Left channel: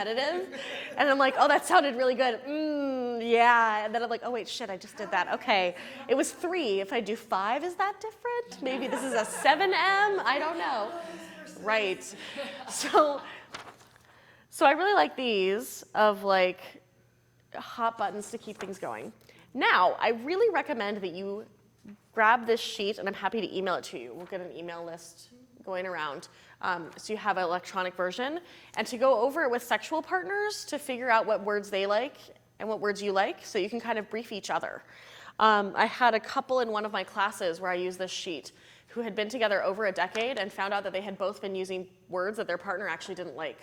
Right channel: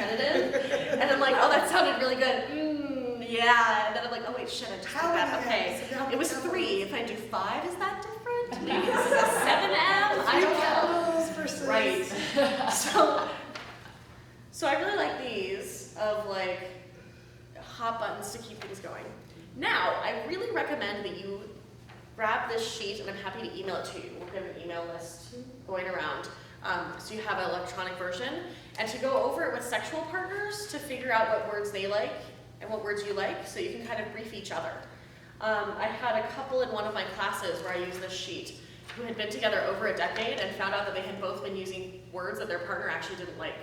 competitive. And I'm like, oh, that sounded really good. Yeah. And then I'm like, oh, wait, shit, I just did that. Okay. It was 3. If I do 5, is that different? Maybe this is a 7M? I don't know. Right. So I really like these of like hot buttons to keep things going. Now, I really recommend that you grab this sheet, and I'm happy to email it to you. We'll get an email list going around. So you have an electronic version, and to go over it with sexual partners to figure out what words they like and what words you like, so you can kind of brief each other. I had a couple in one of my classes where I used this sheet who had been together over a decade and found out that they had both been using words that their partner actually didn't like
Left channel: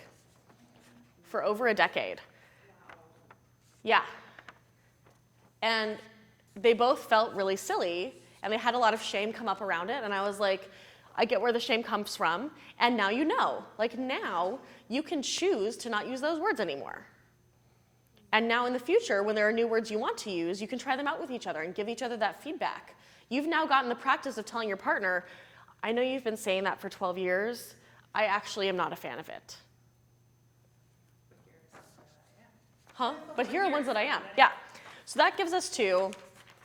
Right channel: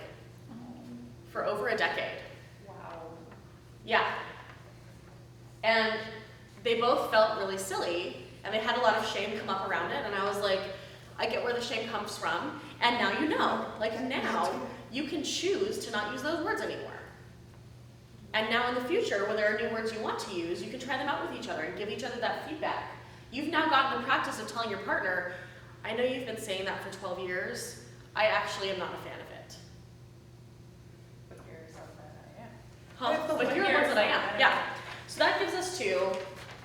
for over a decade. Wow. Yeah. And they both felt really silly, and they had a lot of shame come up around it, and I was like, I get where the shame comes from, and now you know. Like now, you can choose to not use those words anymore. And now in the future, when there are new words you want to use, you can try them out with each other and give each other that feedback. You've now gotten the practice of telling your partner, I know you've been saying that for 12 years. I actually am not a fan of it. But here are the ones that I am. Yeah. So that gives us to,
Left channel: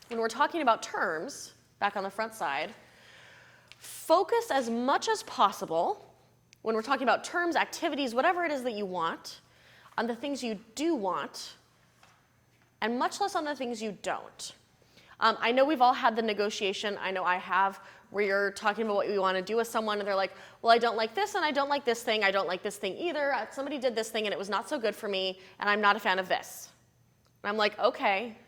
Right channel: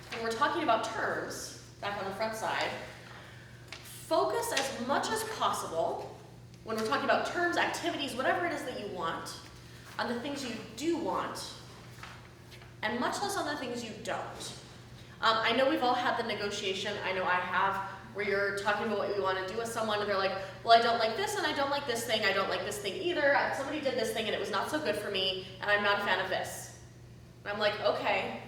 when we're talking about terms, back on the front side, focus as much as possible, when we're talking about terms, activities, whatever it is that you want, on the things you do want, and much less on the things you don't. I know we've all had the negotiation, I know I have, where you're talking about what you want to do with someone, and they're like, well, I don't like this, and I don't like this thing, I don't like this thing either, somebody did this thing, and it was not so good for me, and I'm not a fan of this. And I'm like, okay.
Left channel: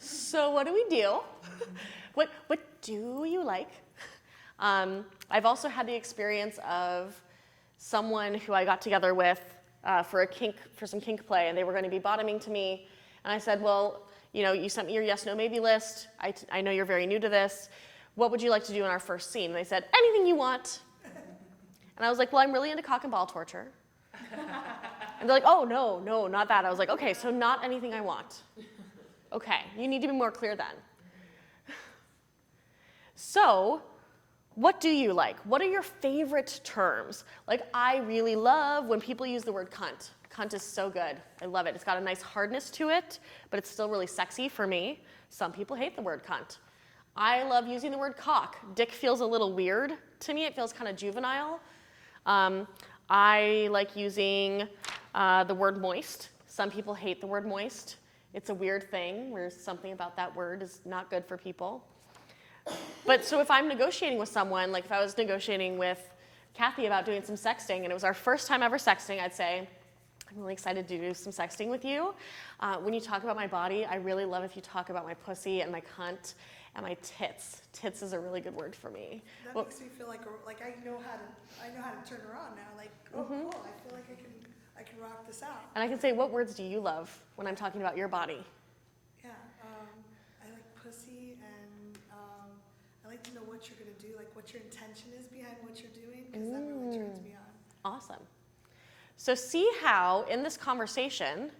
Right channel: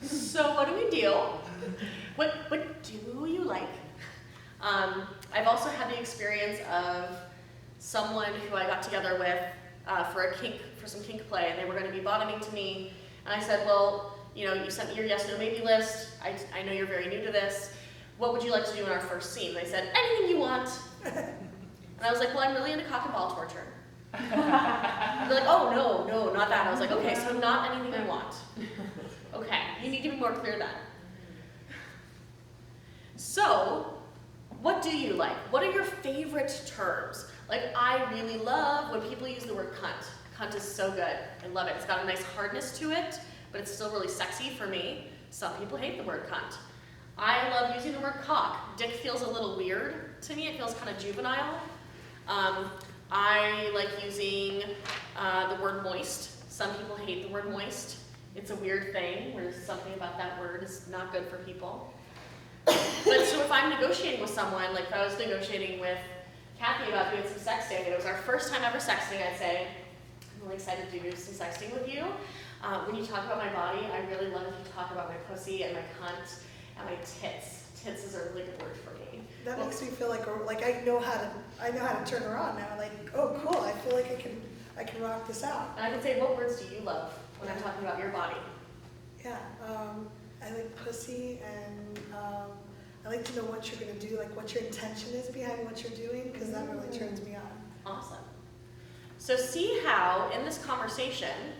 So what do we do? What do you like? I've also had the experience of someone who I got together with for some kink play, and they were going to be bottoming to me, and I said, well, you know, you sent me your yes, no, maybe list. I know you're very new to this. What would you like to do in our first scene? And they said, anything you want. And I was like, well, I'm really into cock and ball torture. And they're like, oh, no, not that. I was like, okay, so not anything I want. Okay, you need to be more clear then. So, what do you like? What are your favorite terms? Like, I really love when people use the word cunt. Cunt is so good. I love it. It's got a nice hardness to it, but it's still really sexy for me. Some people hate the word cunt. I love using the word cock. Dick feels a little weird to me. It feels kind of juvenile. I like using the word moist. Some people hate the word moist. It's a weird thing where something about that word is not good for people. But so if I'm negotiating with someone, like if I was negotiating with Cathy about doing some sexting, and it was our first time ever sexting, I'd say, I'm really excited to do some sexting with you. When you talk about my body, I really love if you talk about my pussy and my cunt and my tits. Tits is a really good word for me. That makes me feel like I know how to turn her on now. Like, oh, cool! I feel like I can rock this out. And I can say, what words do you love when I'm talking about your body? Yeah, I like pussy, and I like to know what you're gonna do, like what your intention is behind what you're doing, because that really turns me on. Awesome. So see how in this conversation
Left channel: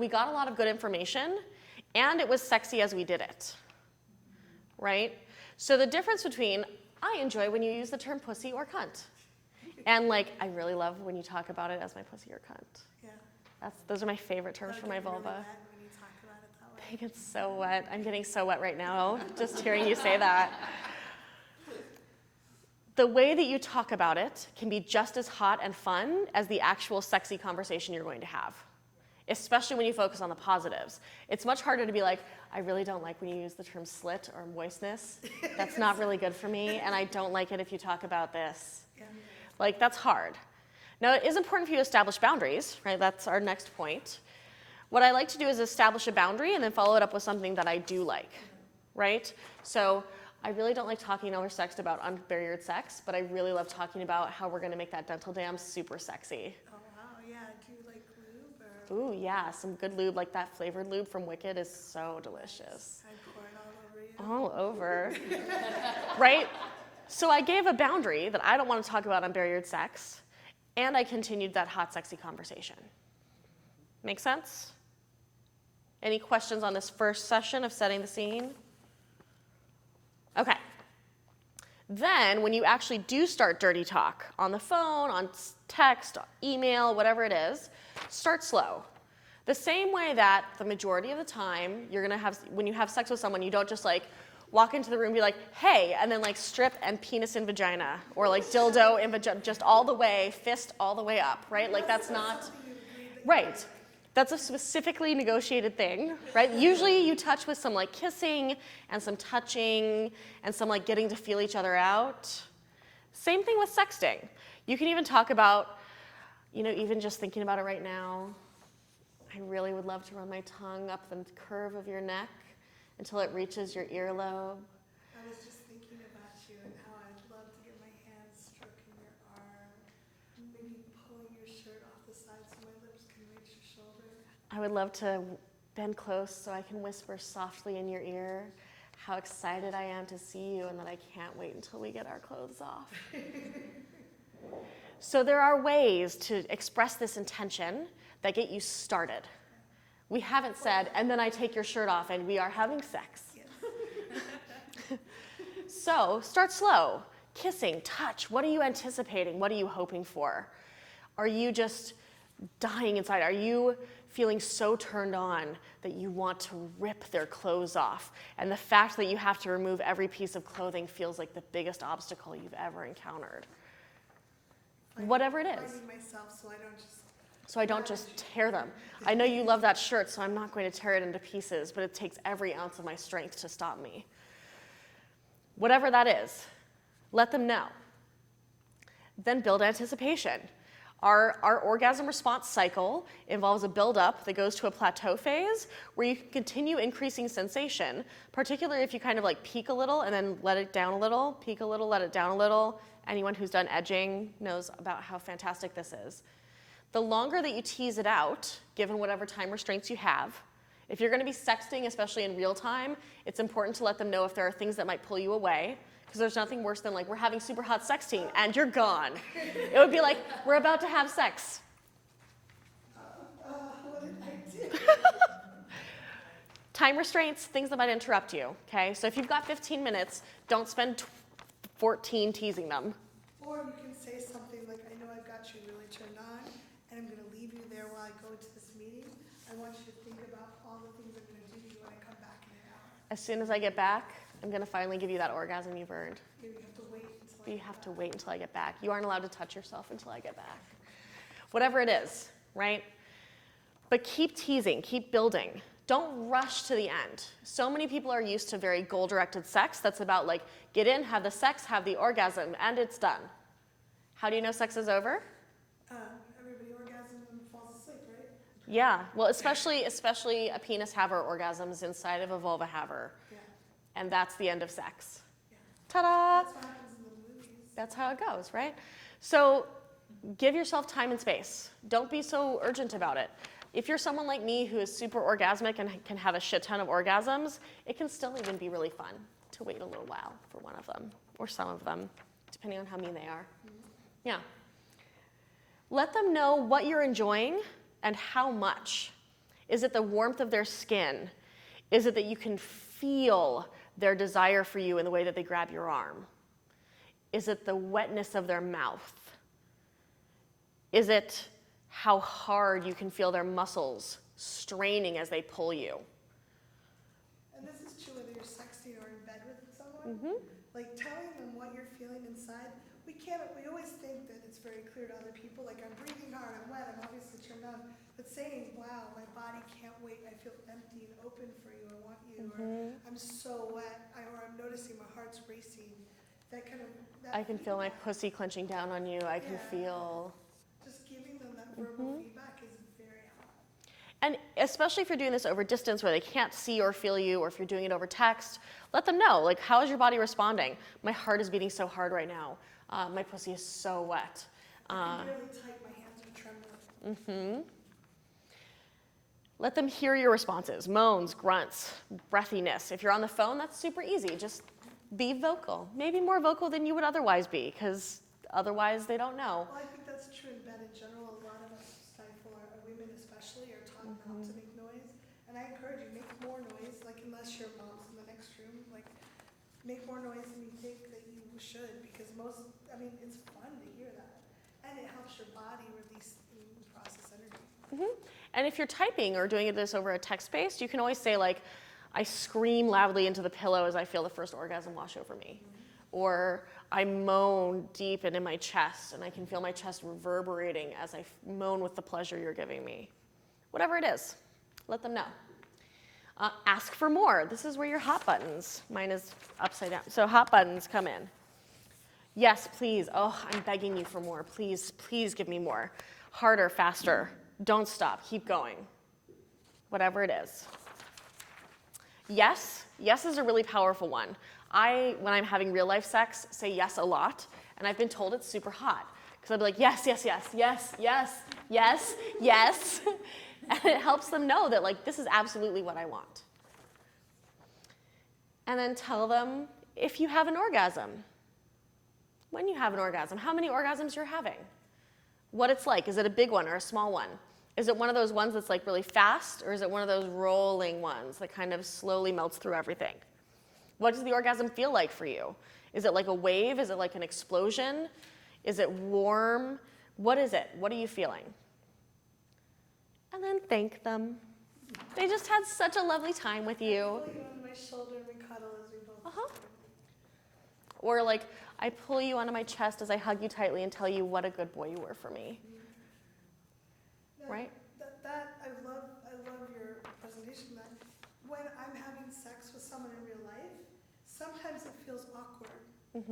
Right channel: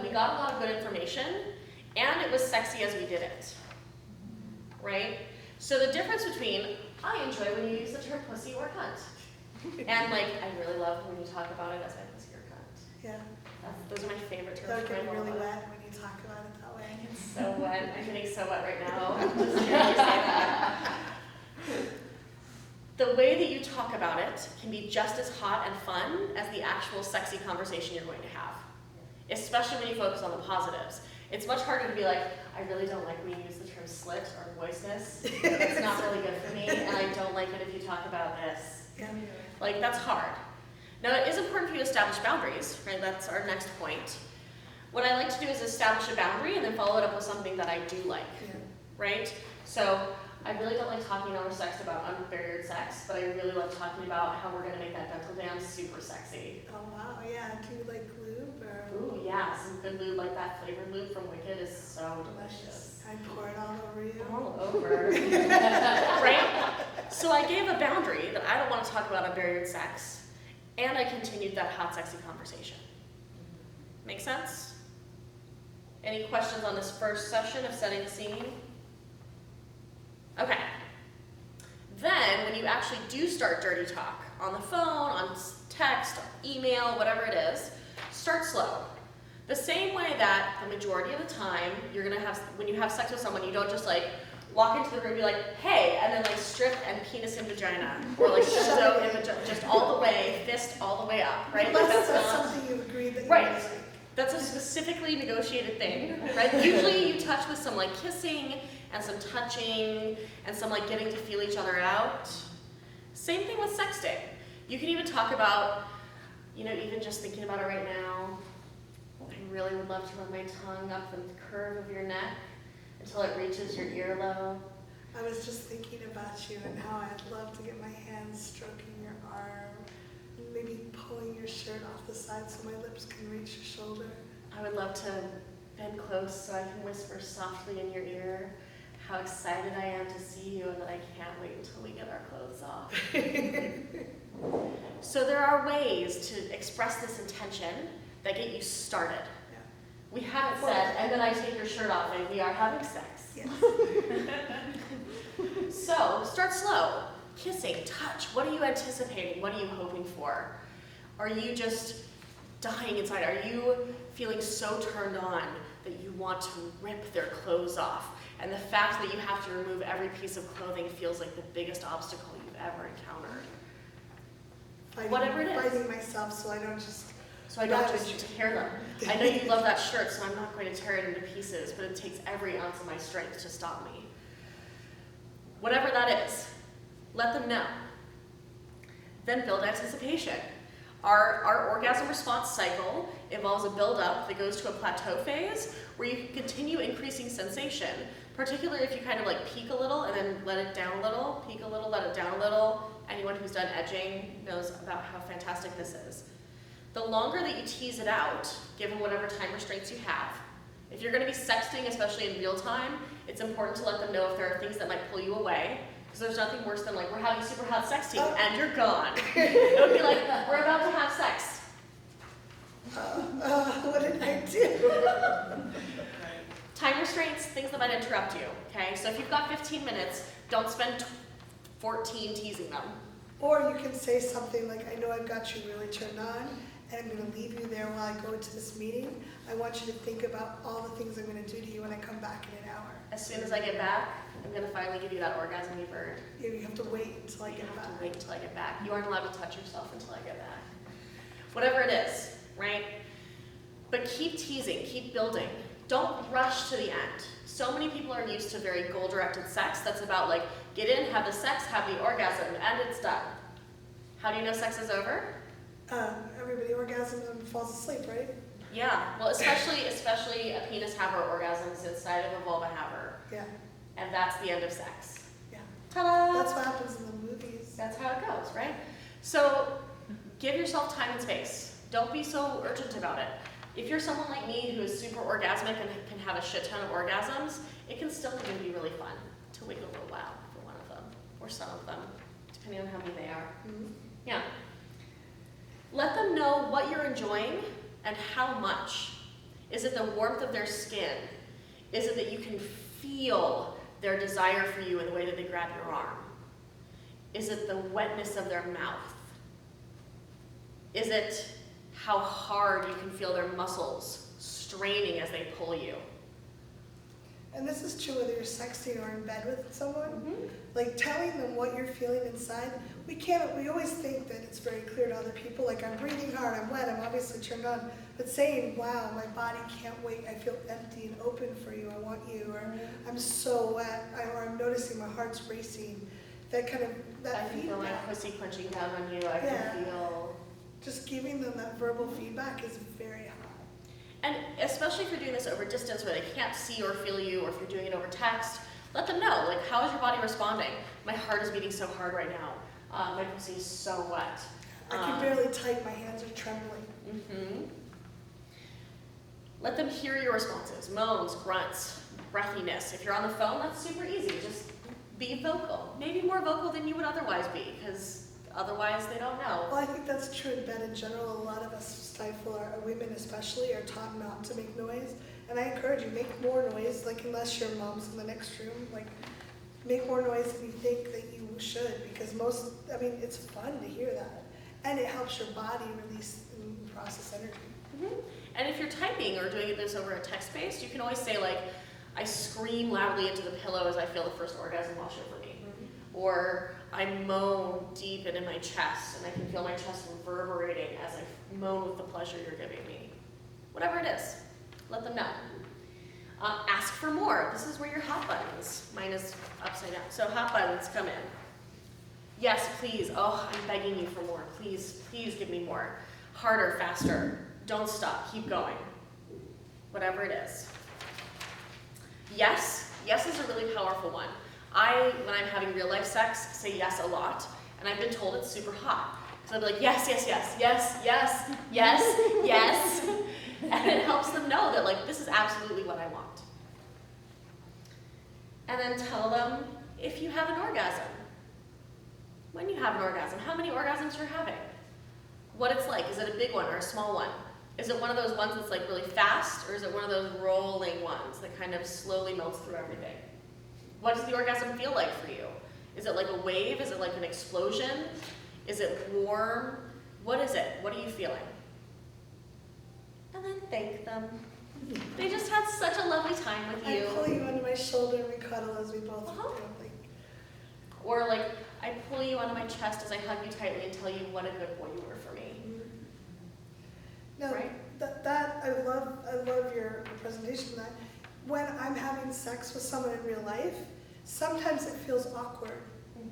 we got a lot of good information, and it was sexy as we did it, right? So the difference between, I enjoy when you use the term pussy or cunt, and like, I really love when you talk about it as my pussy or cunt. Yeah. Those are my favorite terms for my vulva. Really wet when you talk about it that way. I get so wet. I'm getting so wet right now, just hearing you say that. The way that you talk about it can be just as hot and fun as the actual sexy conversation you're going to have, especially when you focus on the positives. It's much harder to be like, I really don't like when you use the term slit or moistness. That's not really good for me, and I don't like it if you talk about this. Yeah. Like, that's hard. Now, it is important for you to establish boundaries, right? That's our next point. What I like to do is establish a boundary and then follow it up with something that I do like, right? So, I really don't like talking over sex about unbarriered sex, but I really love talking about how we're going to make that dental dam super sexy. Oh, wow, yeah. Do you like lube? Or? Ooh, yeah, some good lube, like that flavored lube from Wicked is so delicious. I pour it all over you. All over. Right? So I gave a boundary that I don't want to talk about unbarriered sex, and I continued that hot, sexy conversation. Make sense? Any questions on this first session of setting the scene? Okay. Then, when you actually do start dirty talk, on the phone, on text, email, whatever it is, start slow. The same way that the majority of the time, you're gonna have, when you have sex with someone, you don't just like walk into the room and be like, hey, and then like strip and penis in vagina, or like dildo in vagina, just all the way, fist all the way up, right? Like that's not something you've agreed that right. You like. That's a specifically negotiated thing, right? Usually you touch with some like kissing and some touching and some like getting to feel each other out. Same thing with sexting. You can even talk about, you know, even just thinking about it right now, I really would love to run my tongue up the curve of your neck until it reaches your earlobe. I was just thinking about you and how I'd love to get my hands stroking your arm, maybe pulling your shirt off the side so my lips can reach your shoulder. I would love to bend close so I can whisper softly in your ear how excited I am to see you and that I can't wait until we get our clothes off. So there are ways to express this intention that get you started. Yeah. We haven't said, and then I take your shirt off and we are having sex. Yes. So start slow. Kissing, touch. What are you anticipating? What are you hoping for? Are you just dying inside? Are you feeling so turned on that you want to rip their clothes off? And the fact that you have to remove every piece of clothing feels like the biggest obstacle you've ever encountered. Whatever it is. Fighting myself so I don't just tear them. I know you love that shirt, so I'm not going to tear it into pieces, but it takes every ounce of my strength to stop me. Whatever that is, let them know. Then build anticipation. Our orgasm response cycle involves a buildup that goes to a plateau phase where you can continue increasing sensation, particularly if you kind of like peak a little and then let it down a little, peak a little, let it down a little. Anyone who's done edging knows about how fantastic this is. The longer that you tease it out, given whatever time restraints you have, if you're going to be sexting, especially in real time, it's important to let them know if there are things that might pull you away. Because there's nothing worse than like, we're having super hot sexting and you're gone. It would be like, we're about to have sex. What did I do? Time restraints, things that might interrupt you, okay? So if you've got 15 minutes, don't spend 14 teasing them. Or you can say something like, I know I've got you really turned on, and I'm going to leave you there while I go into this meeting. I want you to think about all the things I'm going to do to you when I come back in an hour. As soon as I get back, I'm going to finally give you that orgasm you've earned. You have to wait until I get back. You have to wait until I get back. You aren't allowed to touch yourself until I get back. Whatever it is, right? But keep teasing, keep building. Don't rush to the end. So many people are used to very goal-directed sex that's about like, get in, have the sex, have the orgasm, and it's done. How do you know sex is over? Everybody orgasms and falls asleep, right? Yeah, well, especially a penis haver orgasms inside of a vulva haver. Yeah. And that's the end of sex. Yeah. Ta-da! That's what happens in the movies. That's how it goes, right? So give yourself time and space. Don't be so urgent about it. If you're someone like me who is super orgasmic and can have a shit ton of orgasms, it can still even be really fun to wait a little while for one of them, or some of them, depending on how many they are. Mm-hmm. Yeah. Let them know what you're enjoying and how much. Is it the warmth of their skin? Is it that you can feel their desire for you in the way that they grab your arm? Is it the wetness of their mouth? Is it how hard you can feel their muscles straining as they pull you? And this is true whether you're sexting or in bed with someone. Mm-hmm. Like telling them what you're feeling inside. We always think that it's very clear to other people, like I'm breathing hard, I'm wet, I'm obviously turned on. But saying, wow, my body can't wait, I feel empty and open for you, I want you, or I'm so wet, or I'm noticing my heart's racing. That kind of, that I can feel my feedback. pussy clenching down on you, I can feel... Just giving them that verbal feedback is very hard. And especially if you're doing this over distance where they can't see or feel you, or if you're doing it over text, let them know, like, how is your body responding? My heart is beating so hard right now. My pussy is so wet. I can barely type, my hands are trembling. Mm-hmm. Let them hear your responses, moans, grunts, breathiness. If you're on the phone, that's super easy. Just be vocal. Maybe more vocal than you would otherwise be, because otherwise they don't know. Well, I think that's true in bed in general. A lot of us stifle, our women especially, are taught not to make noise. And I encourage you, make more noise, like unless your mom's in the next room, like make more noise than you think that you should, because it's fun to hear that. And it helps your body release and process energy. Mm-hmm. And if you're typing or doing this over a text-based, you can always say like, I scream loudly into the pillow as I feel the first orgasm wash over me. Mm-hmm. Or I moan deep and in my chest, and I can feel my chest reverberating as I moan with the pleasure you're giving me. Whatever it is, let them know. Ask for more. This is where your hot buttons, mine is upside down. So hot buttons come in. Yes, please. Oh, I'm begging you for more. Please, please give me more. Harder, faster. Don't stop. Keep going. Whatever it is. Yes. Yes is a really powerful one. When I'm having real life sex, say yes a lot, and I've been told it's super hot. So I'll be like, yes, yes, yes, yes, yes, yes, yes. And it helps them know that like, this is absolutely what I want. And then tell them if you have an orgasm. When you have an orgasm, how many orgasms you're having. What it's like. Is it a big one or a small one? Is it one of those ones that's like really fast, or is it one of those rolling ones that kind of slowly melts through everything? What does the orgasm feel like for you? Is it like a wave? Is it like an explosion? Is it warm? What is it? What are you feeling? And then thank them. They just had such a lovely time with you. I pull you onto my shoulder and we cuddle as we both do. Or like, I pull you onto my chest as I hug you tightly and tell you what a good boy you were for me. No, right? I love your presentation. That when I'm having sex with someone in real life, sometimes it feels awkward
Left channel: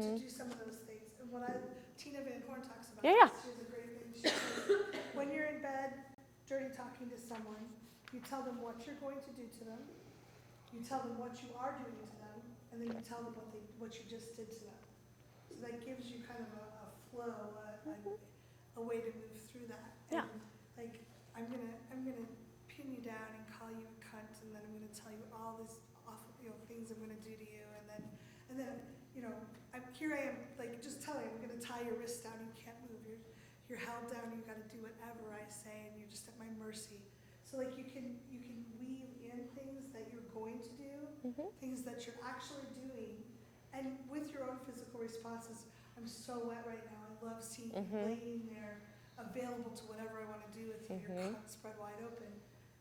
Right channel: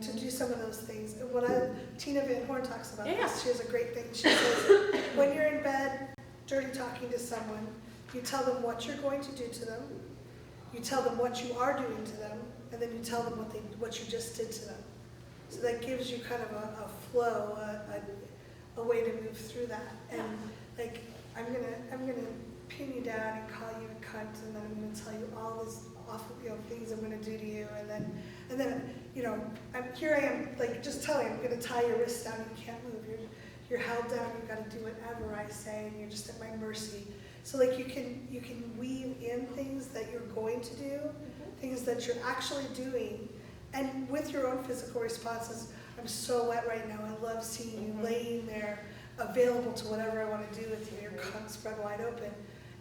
to do some of those things. And Tina Van Horn talks about this. She has a great thing. She says, when you're in bed, dirty talking to someone, you tell them what you're going to do to them, you tell them what you are doing to them, and then you tell them what you just did to them. So that gives you kind of a flow, a way to move through that. And like, I'm gonna pin you down and call you a cunt, and then I'm gonna tell you all these awful things I'm gonna do to you, and then here I am, like, just telling you, I'm gonna tie your wrist down, you can't move, you're held down, you've got to do whatever I say, and you're just at my mercy. So like you can weave in things that you're going to do, things that you're actually doing, and with your own physical responses. I'm so wet right now. I love seeing you laying there, available to whatever I want to do with you. Your cunt spread wide open,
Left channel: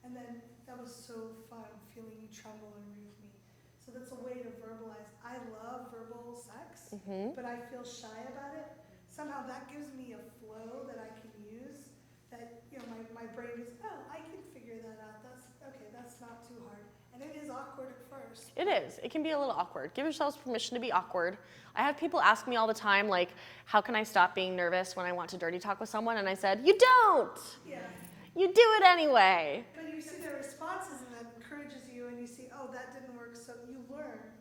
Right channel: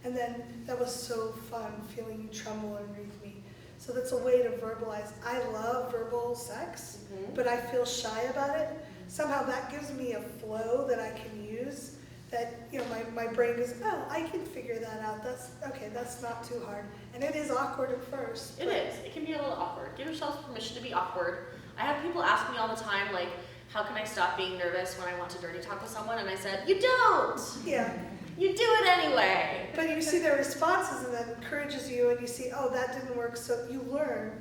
and then that was so fun feeling you tremble underneath me. So that's a way to verbalize. I love verbal sex, but I feel shy about it. Somehow that gives me a flow that I can use. That my brain goes, oh, I can figure that out. That's not too hard. And it is awkward at first. It is. It can be a little awkward. Give yourselves permission to be awkward. I have people ask me all the time, like, how can I stop being nervous when I want to dirty talk with someone? And I said, you don't. Yeah. You do it anyway. But you see their responses, and that encourages you, and you see, oh, that didn't work, so you learn.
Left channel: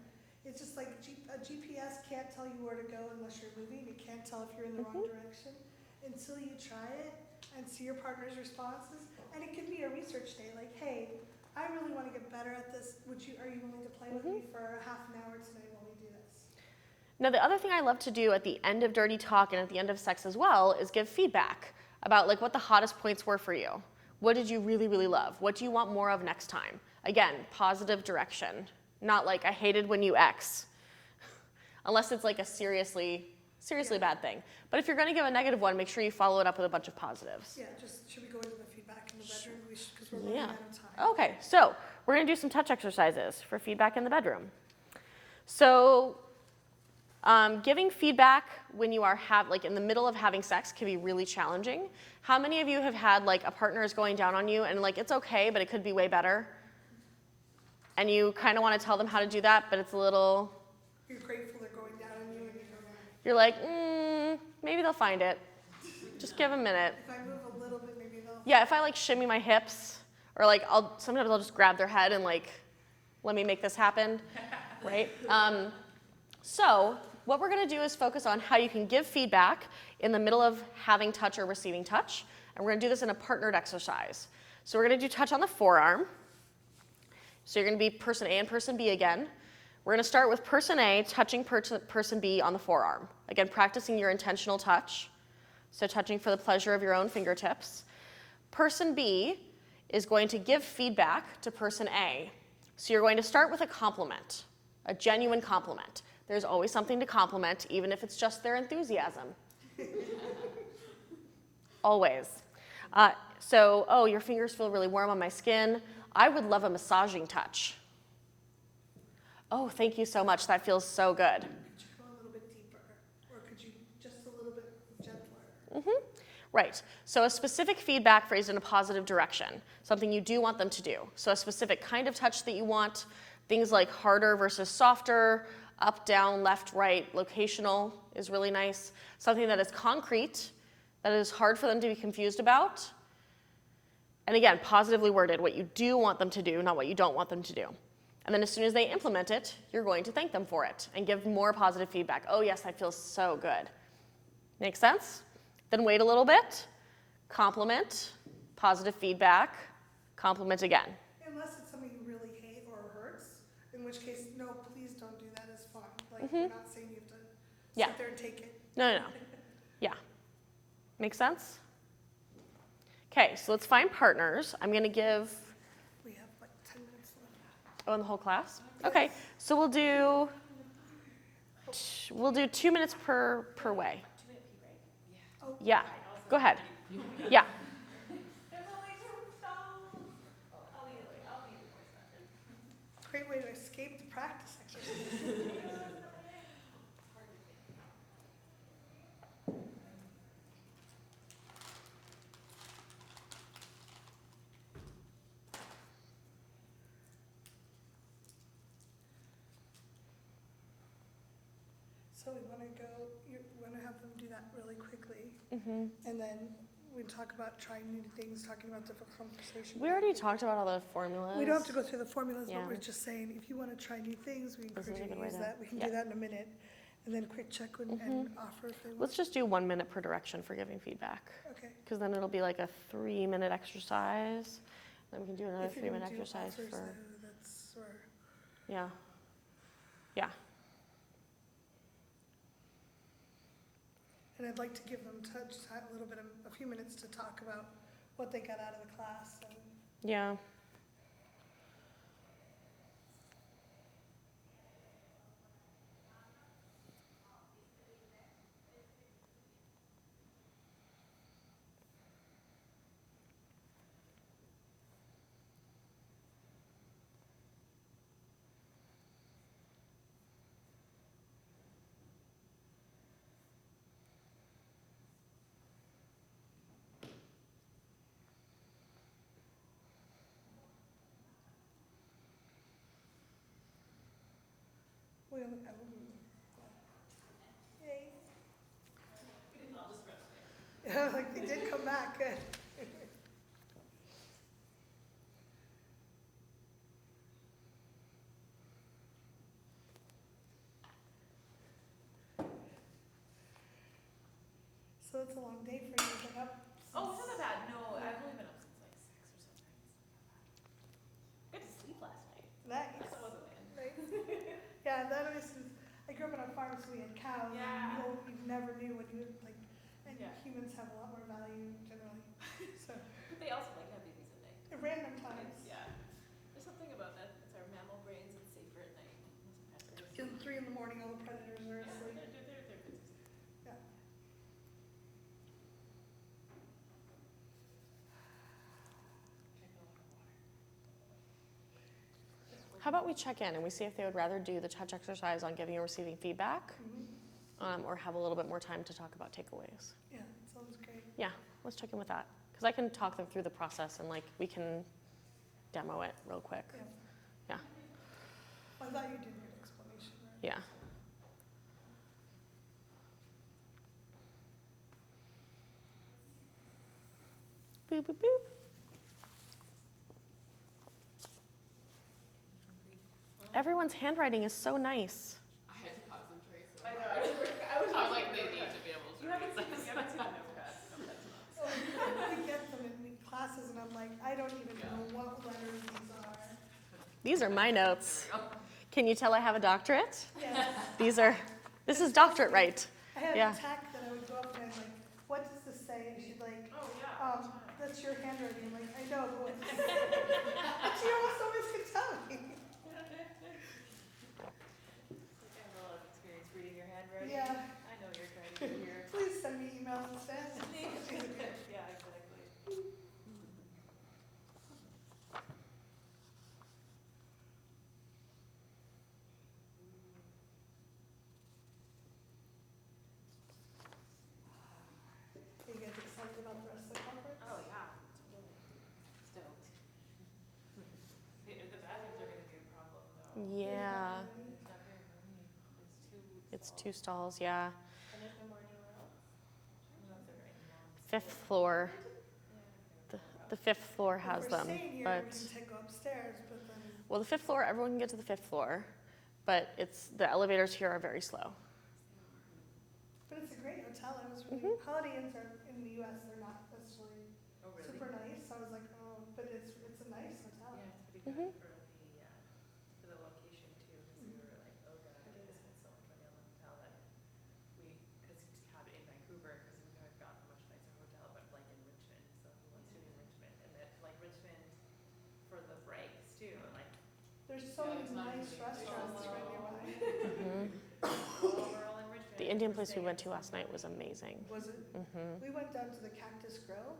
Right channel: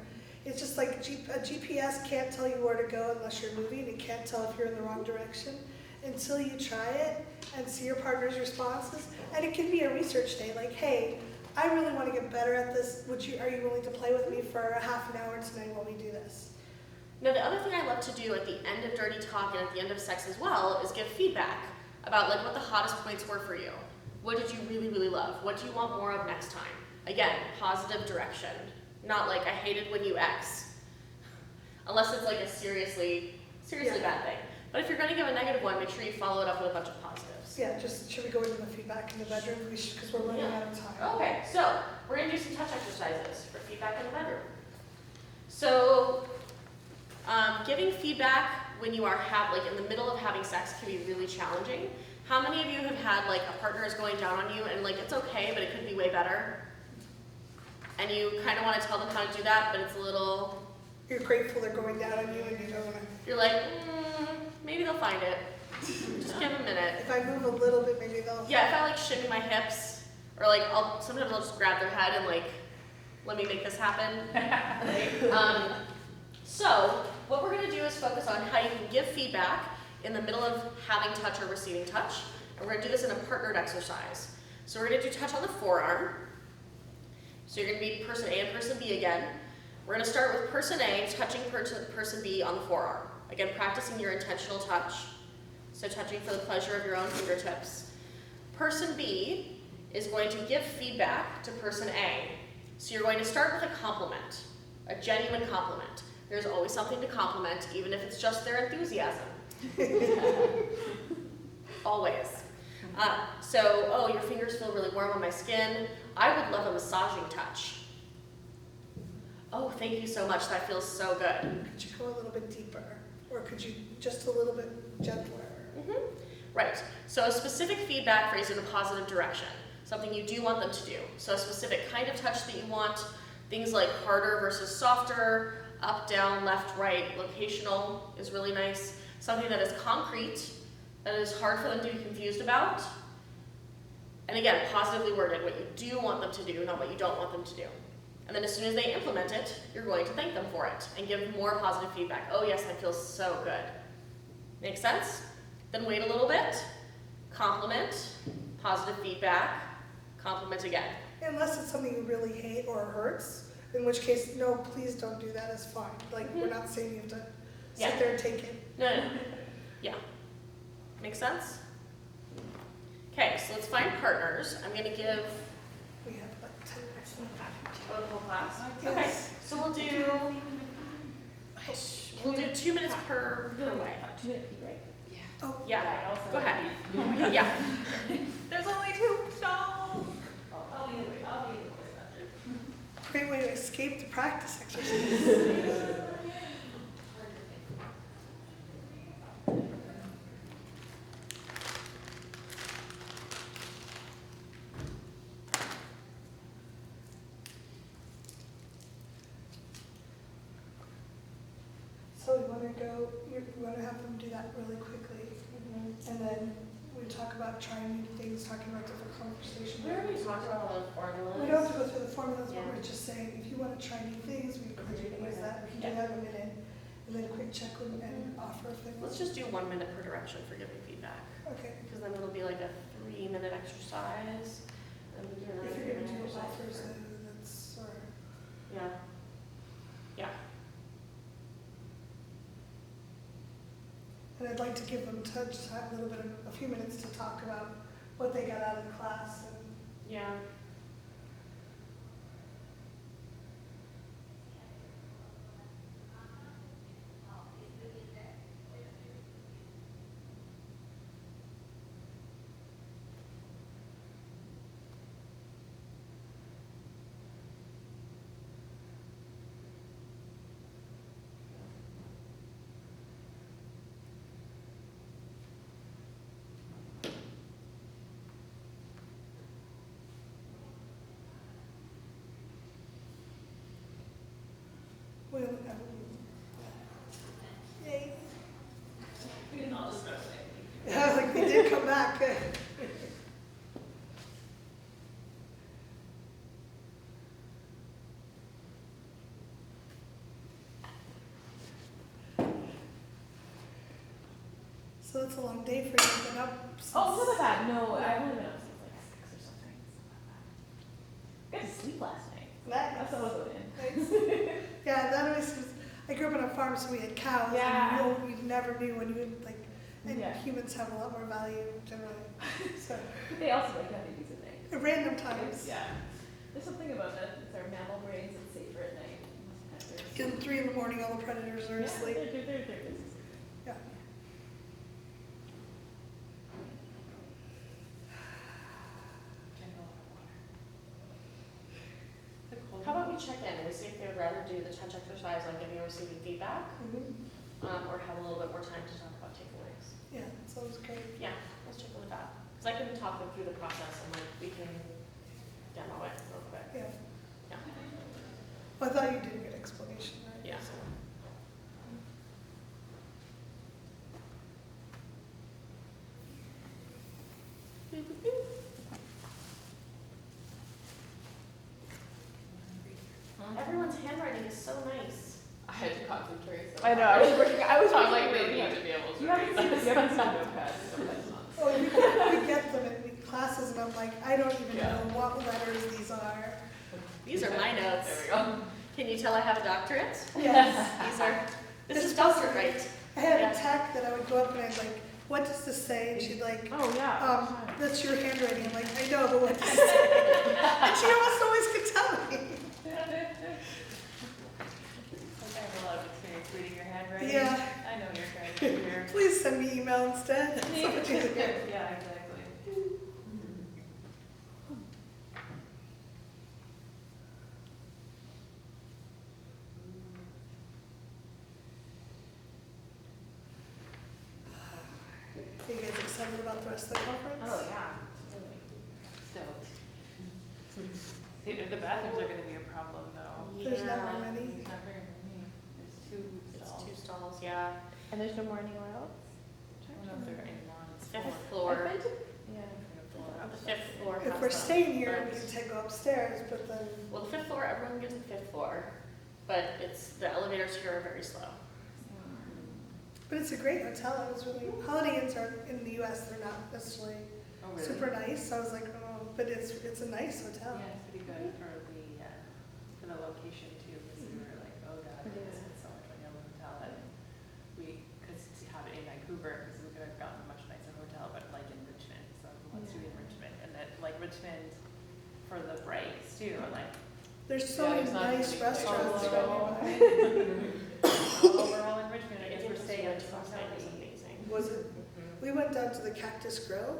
It's just like a GPS can't tell you where to go unless you're moving. It can't tell if you're in the wrong direction until you try it and see your partner's responses. And it can be a research day, like, hey, I really want to get better at this. Are you willing to play with me for a half an hour tonight while we do this? Now, the other thing I love to do at the end of dirty talk and at the end of sex as well is give feedback about like what the hottest points were for you. What did you really, really love? What do you want more of next time? Again, positive direction. Not like, I hated when you X. Unless it's like a seriously bad thing. But if you're going to give a negative one, make sure you follow it up with a bunch of positives. Yeah, should we go into the feedback in the bedroom? Because we're running out of time. Okay, so we're going to do some touch exercises for feedback in the bedroom. So giving feedback when you are in the middle of having sex can be really challenging. How many of you have had like a partner is going down on you and like it's okay, but it could be way better? And you kind of want to tell them how to do that, but it's a little... You're grateful they're going down on you and you don't want to... You're like, maybe they'll find it. Just give them a minute. If I move a little bit, maybe they'll... Yeah, if I like shimmy my hips, or like sometimes I'll just grab their head and like, let me make this happen. Right? So what we're going to do is focus on how you can give feedback in the middle of having touch or receiving touch. And we're going to do this in a partnered exercise. So we're going to do touch on the forearm. So you're going to be person A and person B again. We're going to start with person A touching person B on the forearm. Again, practicing your intentional touch. So touching for the pleasure of your own fingertips. Person B is going to give feedback to person A. So you're going to start with a compliment, a genuine compliment. There's always something to compliment, even if it's just their enthusiasm. Always. Oh, your fingers feel really warm on my skin. I would love a massaging touch. Oh, thank you so much. That feels so good. Could you go a little bit deeper? Or could you just a little bit gentler? Mm-hmm. Right. So a specific feedback phrased in a positive direction. Something you do want them to do. So a specific kind of touch that you want. Things like harder versus softer, up, down, left, right, locational is really nice. Something that is concrete, that is hard for them to be confused about. And again, positively worded, what you do want them to do, not what you don't want them to do. And then as soon as they implement it, you're going to thank them for it and give more positive feedback. Oh yes, that feels so good. Make sense? Then wait a little bit, compliment, positive feedback, compliment again. Unless it's something you really hate or hurts, in which case, no, please don't do that, it's fine. Like, we're not saying you have to sit there and take it. No. Yeah. Make sense? Okay, so let's find partners. I'm going to give... We have about 10 minutes left. Oh, the whole class? Okay, so we'll do 2 minutes per way. 2 minutes, right? Oh, Yeah, go ahead. Yeah. There's only 2 stalls. I'll leave it. great way to escape the practice exercise. So we want to go, you want to have them do that really quickly, Mm-hmm. and then we talk about trying new things, talking about different conversations. We already talked about all the formulas. We don't have to go through the formulas, Yeah. but we're just saying, if you want to try new things, we Doesn't can need to use write that, we can it. do that in a minute, and then quick check and offer if Let's just do 1 minute per direction for giving feedback, okay. because then it'll be like a 3-minute exercise, and we do another If you're 3-minute gonna do exercise. offers, For, then that's, or, yeah. and I'd like to give them a little bit of, a few minutes to talk about what they got out of the class, and Yeah. we'll, yay. We can all just go away. Yeah, like they did come back. So it's a long day for you, but up. Oh, look at that. No, I've only been up since like 6 or something. Got to sleep last night. That's what I was doing. Yeah, that always, I grew up on a farm, so we had cows, Yeah. and we never knew when you, like, and Yeah. humans have a lot more value generally, so, They also like have babies at night. at random times. Yeah. There's something about that. It's our mammal brains. It's safer at night. In 3 in the morning, all the predators are asleep. They're busy. Yeah. How about we check in and we see if they would rather do the touch exercise on giving and receiving feedback, or have a little bit more time to talk about takeaways. Yeah, sounds great. Yeah, let's check in with that. Because I can talk them through the process and like we can demo it real quick. Yeah. Yeah. Well, I thought you did a good explanation, right? Yeah. Boop, boop, boop. Everyone's handwriting is so nice. I had to concentrate. So I know. I was working. I was Sounds working like they really need hard. to be able to. You haven't read. seen notepads. Sometimes not. Well, we get them in classes, and I'm like, I don't even know what letters these are. These are my There notes. we go. Can you tell I have a doctorate? Yes. This is doctorate right. I had Yeah. a tech that I would go up and I'd like, what does this say? And she'd like, Oh yeah. that's your handwriting. I'm like, I know, but what does it say? And she almost always could tell me. I have a lot of about the rest of the conference? Oh, yeah. Still. The bathrooms are gonna be a problem though. There's not Yeah, very many. There's not very many. There's two it's stalls. 2 stalls, yeah. And there's no more anywhere else? I don't know if they're in one. 5th floor. I've been to, yeah. The 5th floor has If we're them. staying here, we but- can go upstairs, but then, Well, the 5th floor, everyone can get to the 5th floor, but the elevators here are very slow. but it's a great hotel. It was really, Holiday Inns are, in the US, they're not necessarily Oh, really? super nice. I was like, oh, but it's a nice hotel. Yeah, it's pretty good for the location too, because we were like, oh god, Yeah. it's so much money on the hotel, and because to have it in Vancouver, because we could have gotten a much nicer hotel, but like in Richmond, so let's do it in Richmond, and that, like Richmond for the breaks too, like, There's so Yeah, many there's not nice many restaurants places. right nearby. overall in Richmond. The and Indian we're place we staying went in to last night was South amazing. Was it? We went down to the Cactus Grill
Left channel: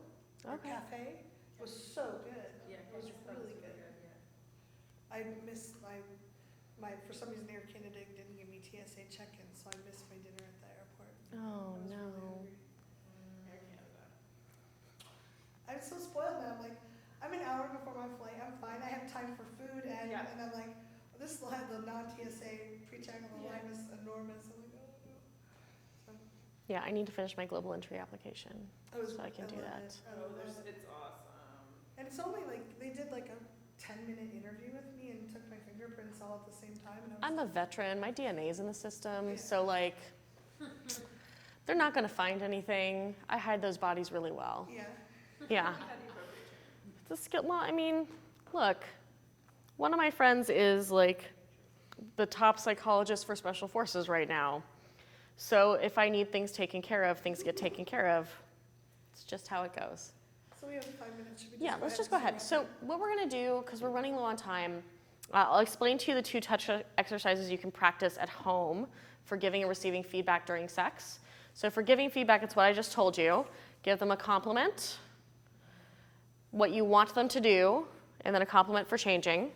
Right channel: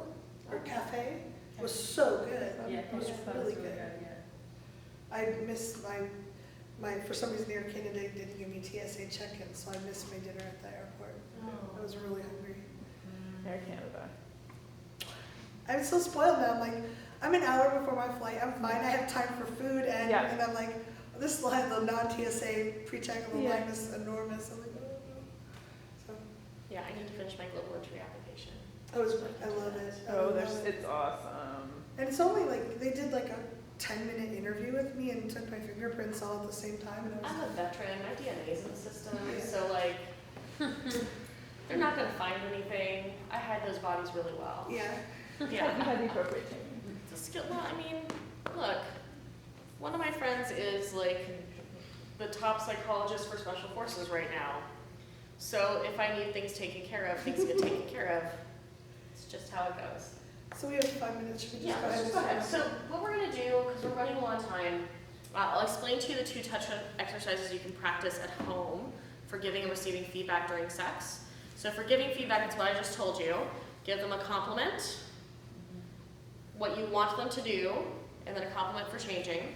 or Cafe. It was so good. Yeah, It was that was really good. yeah. I missed my for some reason Air Canada didn't give me TSA check-in, so I missed my dinner at the airport. Oh. I was really hungry. Air Canada. I'm so spoiled now. I'm like, I'm an hour before my flight. I'm fine. I have time for food, and Yeah. and I'm like, this will have the non-TSA pre-check and the Yeah. line is enormous. I'm like, oh. So Yeah, I need to finish my global entry application. I was, So I I can do love that. it. I Oh, love there's, it. it's awesome. And it's only like they did like a 10-minute interview with me and took my fingerprints all at the same time. And it was I'm a veteran, my DNA's in the system, Yeah. so like, they're not gonna find anything. I hide those bodies really well. yeah. Yeah. You had the appropriate training. The skill, well, I mean, look, one of my friends is like the top psychologist for special forces right now. So if I need things taken care of, things get taken care of. It's just how it goes. So we have 5 minutes. Should we Yeah, let's just go ahead. So what we're gonna do, because we're running low on time, I'll explain to you the 2 touch exercises you can practice at home for giving and receiving feedback during sex. So for giving feedback, it's what I just told you. Give them a compliment, what you want them to do, and then a compliment for changing.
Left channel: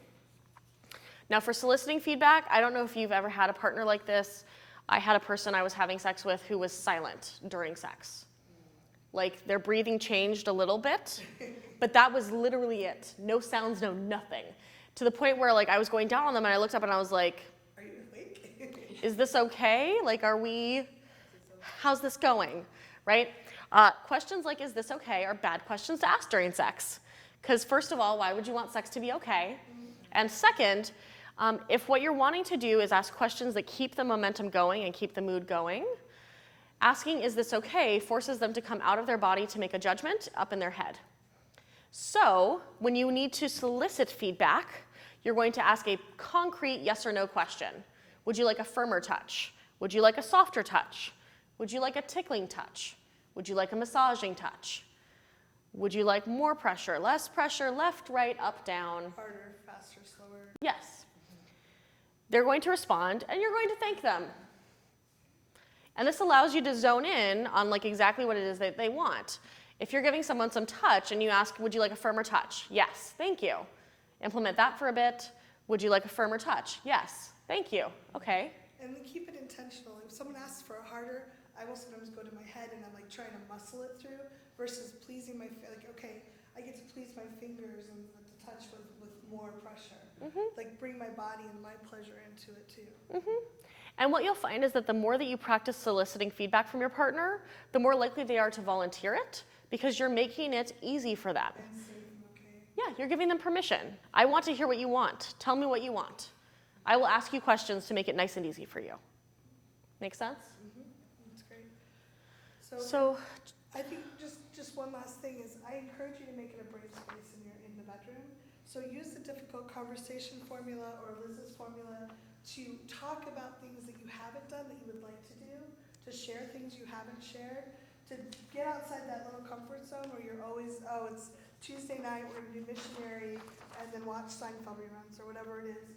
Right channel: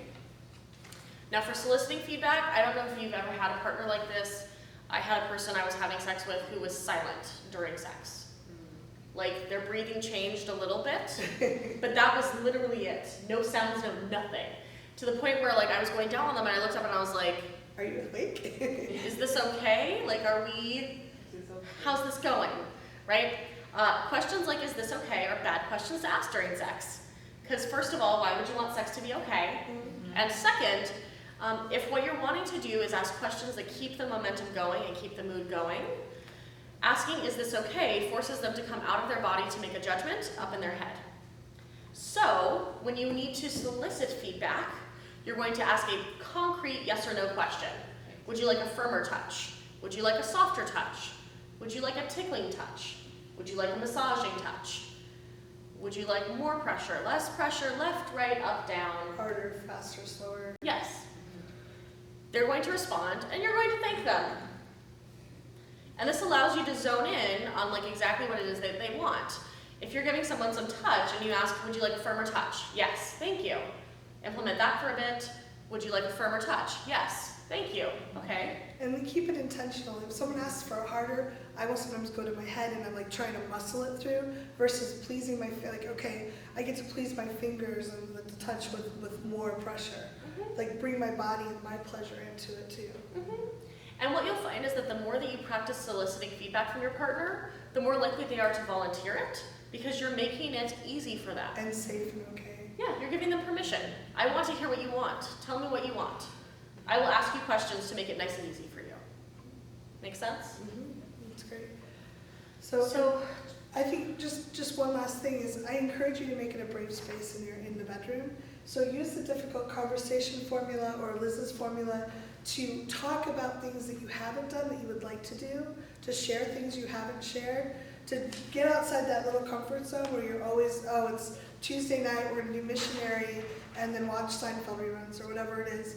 Now for soliciting feedback, I don't know if you've ever had a partner like this. I had a person I was having sex with who was silent during sex. Like their breathing changed a little bit, but that was literally it. No sounds, no nothing. To the point where like I was going down on them and I looked up and I was like, Are you awake? is this okay? Like how's this going? Right? Questions like, is this okay, are bad questions to ask during sex. Because first of all, why would you want sex to be okay? And second, if what you're wanting to do is ask questions that keep the momentum going and keep the mood going, asking, is this okay, forces them to come out of their body to make a judgment up in their head. So, when you need to solicit feedback, you're going to ask a concrete yes or no question. Would you like a firmer touch? Would you like a softer touch? Would you like a tickling touch? Would you like a massaging touch? Would you like more pressure, less pressure, left, right, up, down? Harder, faster, slower. Yes. They're going to respond, and you're going to thank them. And this allows you to zone in on like exactly what it is that they want. If you're giving someone some touch and you ask, would you like a firmer touch? Yes, thank you. Implement that for a bit. Would you like a firmer touch? Yes, thank you. Okay. And we keep it intentional. If someone asks for a harder, I will sometimes go to my head and I'm like trying to muscle it through versus pleasing my, like, okay, I get to please my fingers and with the touch with more pressure. Like bring my body and my pleasure into it too. And what you'll find is that the more that you practice soliciting feedback from your partner, the more likely they are to volunteer it because you're making it easy for them. And safe and okay. Yeah, you're giving them permission. I want to hear what you want. Tell me what you want. I will ask you questions to make it nice and easy for you. Make sense? That's great. So So, I think just one last thing is I encourage you to make it a brave space in the bedroom. So use the difficult conversation formula or Liz's formula to talk about things that you haven't done that you would like to do, to share things you haven't shared, to get outside that little comfort zone where you're always, oh, it's Tuesday night, we're gonna do missionary, and then watch Seinfeld reruns or whatever it is.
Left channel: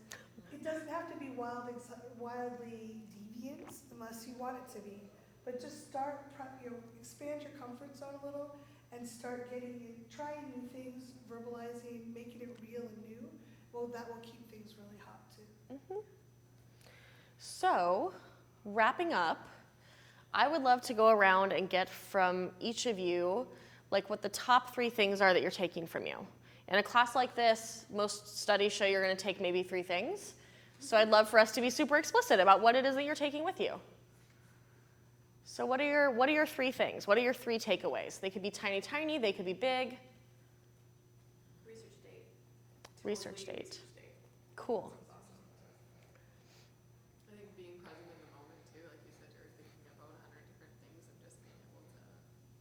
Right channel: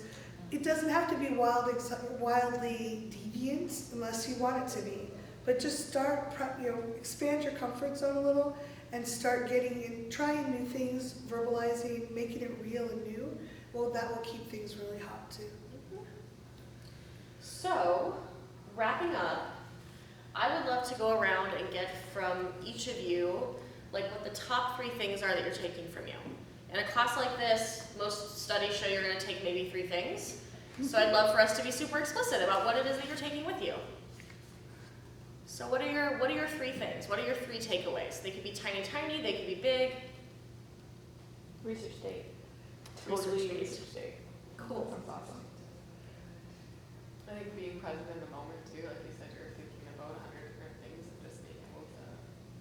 It doesn't have to be wildly deviant unless you want it to be. But just start, expand your comfort zone a little and start getting in, trying new things, verbalizing, making it real and new. Well, that will keep things really hot too. So, wrapping up, I would love to go around and get from each of you like what the top 3 things are that you're taking from you. In a class like this, most studies show you're going to take maybe 3 things. So I'd love for us to be super explicit about what it is that you're taking with you. So what are your 3 things? What are your 3 takeaways? They could be tiny, tiny. They could be big. Research state. Research Totally state. research state. Cool. Sounds awesome. I think being present in the moment too, like you said, you're thinking about 100 different things and just being able to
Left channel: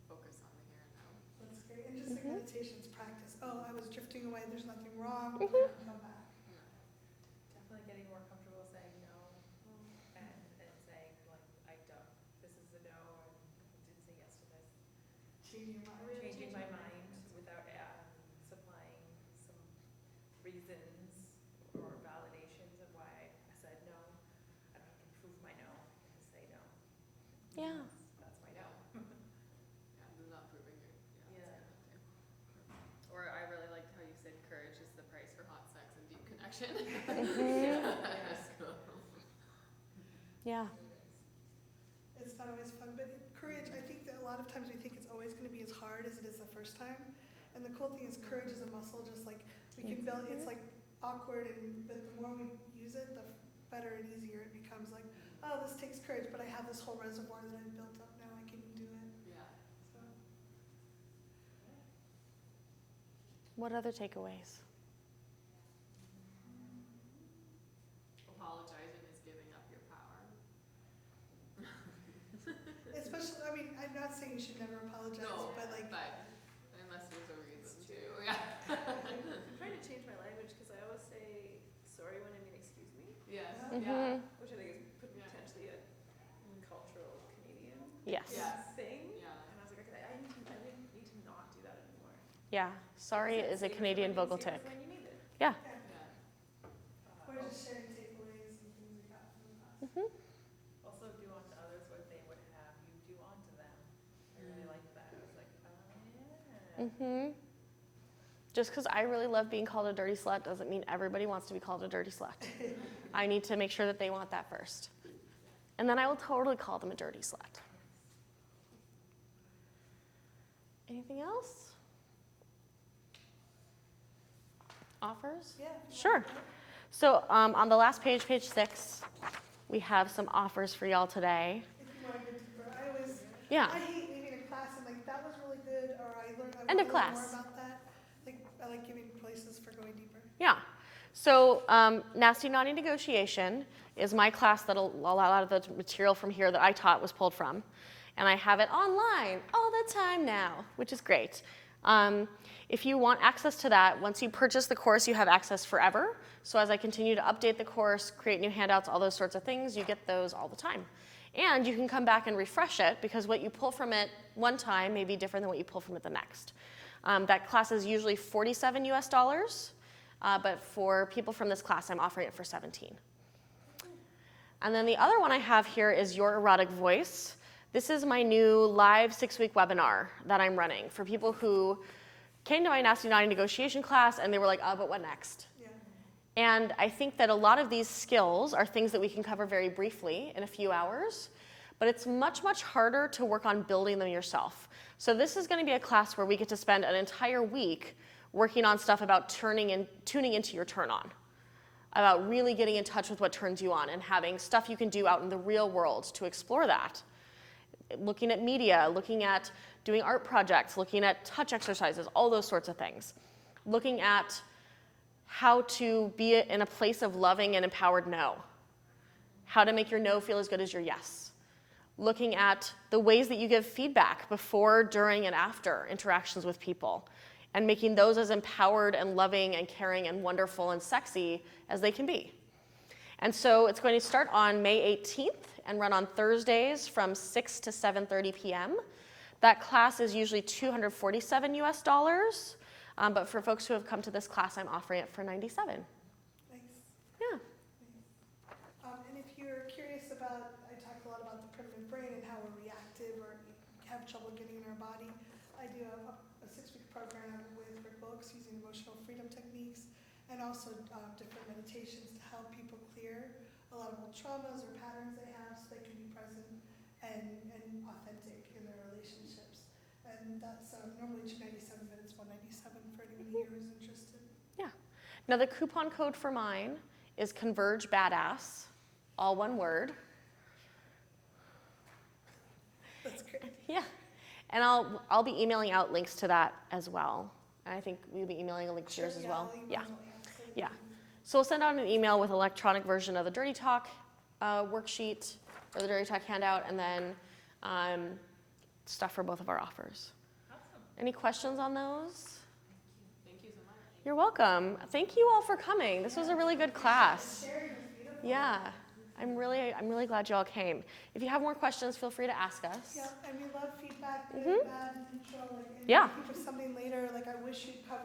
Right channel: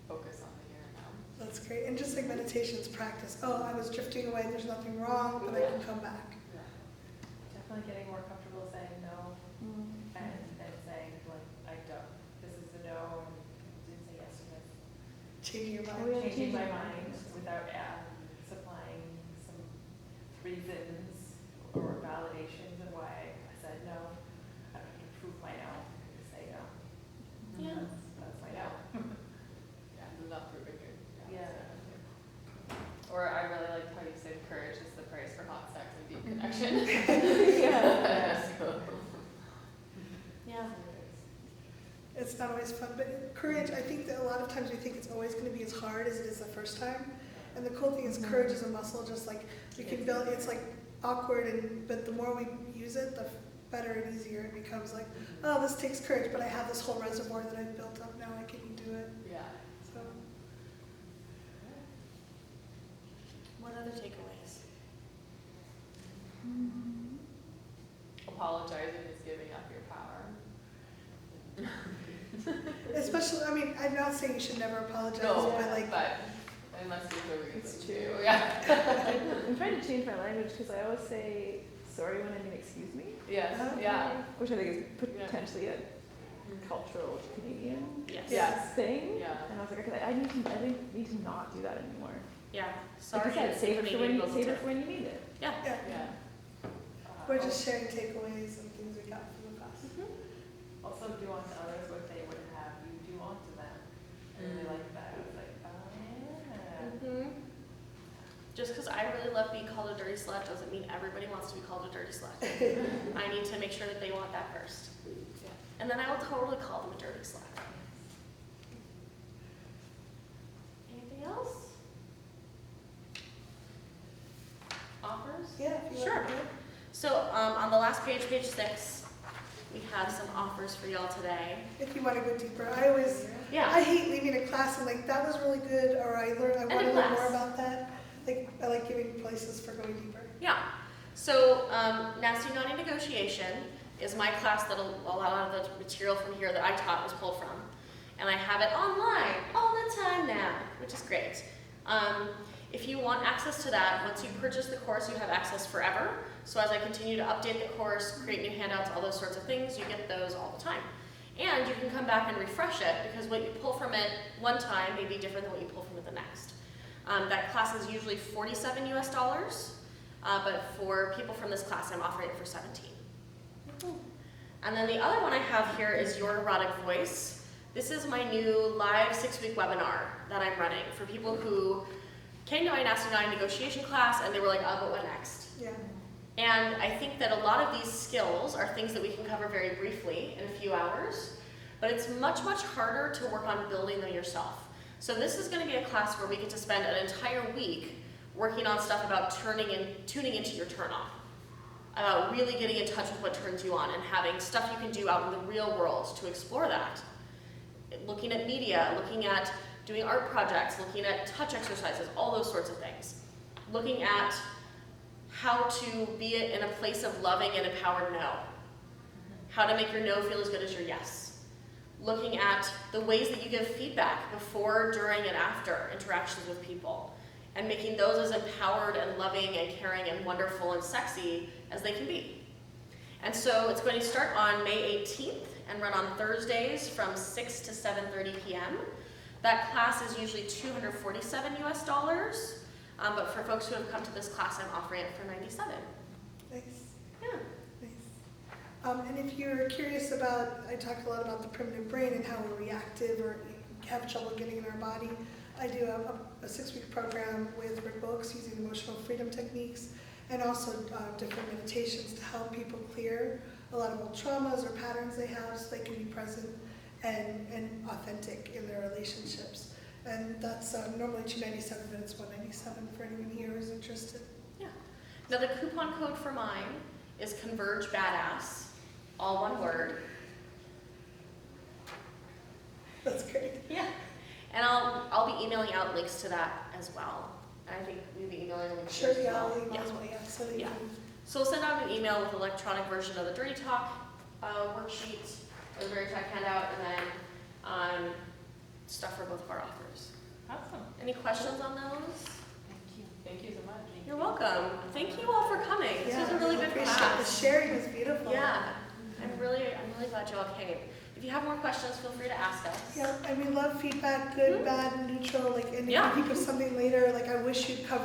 focus on the here and now. That's great. And just like meditation's practice. Oh, I was drifting away, there's nothing wrong, but I can come back. Definitely getting more comfortable saying no and saying like, I don't, this is a no, and didn't say yes to this. Changing your mind. Oh, yeah. Changing my mind without supplying some reasons or validations of why I said no. I don't have to prove my no, I just say no. Yeah. That's my no. Yeah, I'm not proving it. Yeah. Or I really liked how you said courage is the price for hot sex and deep connection. Yeah. It's not always fun, but courage, I think that a lot of times we think it's always going to be as hard as it is the first time. And the cool thing is courage is a muscle, just like we can build, it's like awkward, but the more we use it, the better and easier it becomes. Like, oh, this takes courage, but I have this whole reservoir that I've built up, now I can do it. Yeah. So, What other takeaways? Apologizing is giving up your power. especially, I mean, I'm not saying you should never apologize, No, but like, but unless there's a reason It's to. true. Yeah. I'm trying to change my language because I always say sorry when I mean excuse me, Yes. Okay. Yeah. which I think is potentially a cultural Canadian Yes. Yes. thing. Yeah. And I was like, okay, I need to not do that anymore. Yeah. Sorry, Like I and said, it's a Canadian vocal save tip. it for when you need it. yeah, Yeah. we're just sharing takeaways and things we got from the class. Also do unto others what they would have you do unto them. I really like that. I was like, oh yeah. Just because I really love being called a dirty slut doesn't mean everybody wants to be called a dirty slut. I need to make sure that they want that first. And then I will totally call them a dirty slut. Anything else? Offers? Yeah. if you Sure. want to. So on the last page, page 6, we have some offers for y'all today. If you want to go deeper, I Yeah. hate leaving a class and like, that was really good, or I want And to a learn class. more about that. Like, I like giving places for going deeper. Yeah. So Nasty Naughty Negotiation is my class that a lot of the material from here that I taught was pulled from. And I have it online all the time now, which is great. If you want access to that, once you purchase the course, you have access forever. So as I continue to update the course, create new handouts, all those sorts of things, you get those all the time. And you can come back and refresh it, because what you pull from it one time may be different than what you pull from it the next. That class is usually $47 US, but for people from this class, I'm offering it for $17. And then the other one I have here is Your Erotic Voice. This is my new live 6-week webinar that I'm running for people who came to my Nasty Naughty Negotiation class and they were like, oh, but what next? Yeah. And I think that a lot of these skills are things that we can cover very briefly in a few hours, but it's much, much harder to work on building them yourself. So this is going to be a class where we get to spend an entire week working on stuff about tuning into your turn on, about really getting in touch with what turns you on and having stuff you can do out in the real world to explore that. Looking at media, looking at doing art projects, looking at touch exercises, all those sorts of things. Looking at how to be in a place of loving and empowered no. How to make your no feel as good as your yes. Looking at the ways that you give feedback before, during, and after interactions with people, and making those as empowered and loving and caring and wonderful and sexy as they can be. And so it's going to start on May 18th and run on Thursdays from 6 to 7:30 p.m. That class is usually $247 US, but for folks who have come to this class, I'm offering it for $97. Nice. Yeah. Nice. And if you're curious about, I talked a lot about the primitive brain and how we're reactive or have trouble getting in our body. I do a 6-week program with Rick Boakes using emotional freedom techniques and also different meditations to help people clear a lot of old traumas or patterns they have so they can be present and authentic in their relationships. and that's normally $297, but it's $197 for anyone here who's interested. Now the coupon code for mine is Converge Badass, all one word. That's great. Yeah. And I'll be emailing out links to that as well. I think we'll be emailing a link to Sure, yours as yeah, well. I'll email Yeah. it, so that you Yeah. can. So we'll send out an email with electronic version of the Dirty Talk worksheet, or the Dirty Talk handout, and then stuff for both of our offers. Awesome. Any questions on those? Thank you so much. You're welcome. Thank you all for coming. This was a really good class. The sharing was beautiful. Yeah, I'm really glad you all came. If you have more questions, feel free to ask us. Yeah, and we love feedback, good, bad, neutral, like, and Yeah. if you think of something later, like I wish you'd cover